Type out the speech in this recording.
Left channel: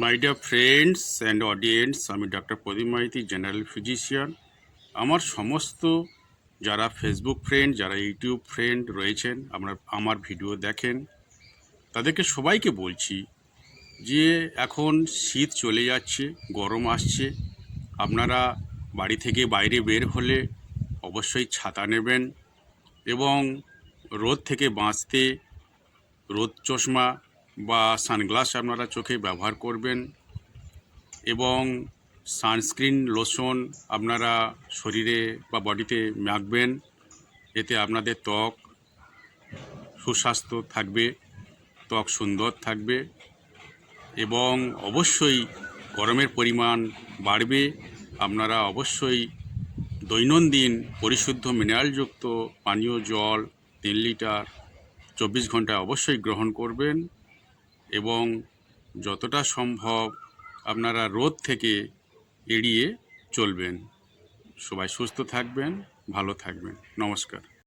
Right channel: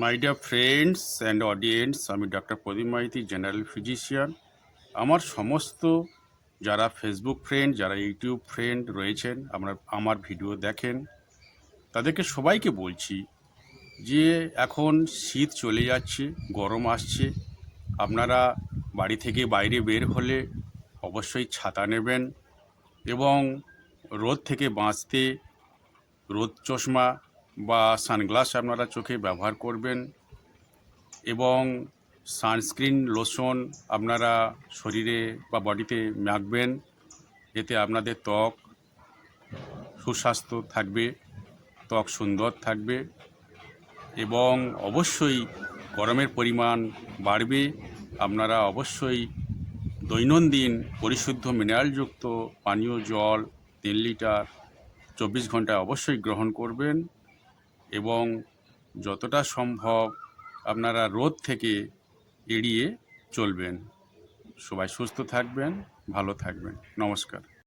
My dear friends and audience, আমি doctor প্রদীপ Maiti, general physician. আমার সমস্ত যারা ফেসবুক ফ্রেন্ড, যারা ইউটিউব ফ্রেন্ড রয়েছেন, আমার ভিডিও দেখেন, তাদেরকে সবাইকে বলছি যে এখন শীত চলে যাচ্ছে, গরম আসছে। আপনারা বাড়ি থেকে বাইরে বের হলে অবশ্যই ছাতা নেবেন এবং রোদ থেকে বাঁচতে রোদ চশমা বা সানগ্লাস আপনারা চোখে ব্যবহার করবেন এবং সানস্ক্রিন লোশন আপনারা শরীরে বা বডিতে মাখবেন। এতে আপনাদের ত্বক সুস্বাস্থ্য থাকবে, ত্বক সুন্দর থাকবে এবং অবশ্যই গরমের পরিমাণ বাড়বে। আপনারা অবশ্যই দৈনন্দিন পরিশুদ্ধ মিনারেলযুক্ত পানীয় জল 3 লিটার 24 ঘন্টায় অবশ্যই গ্রহণ করবেন এবং যতটা সম্ভব আপনারা রোদ থেকে এড়িয়ে চলবেন। সবাই সুস্থ থাকবেন, ভালো থাকবেন। নমস্কার।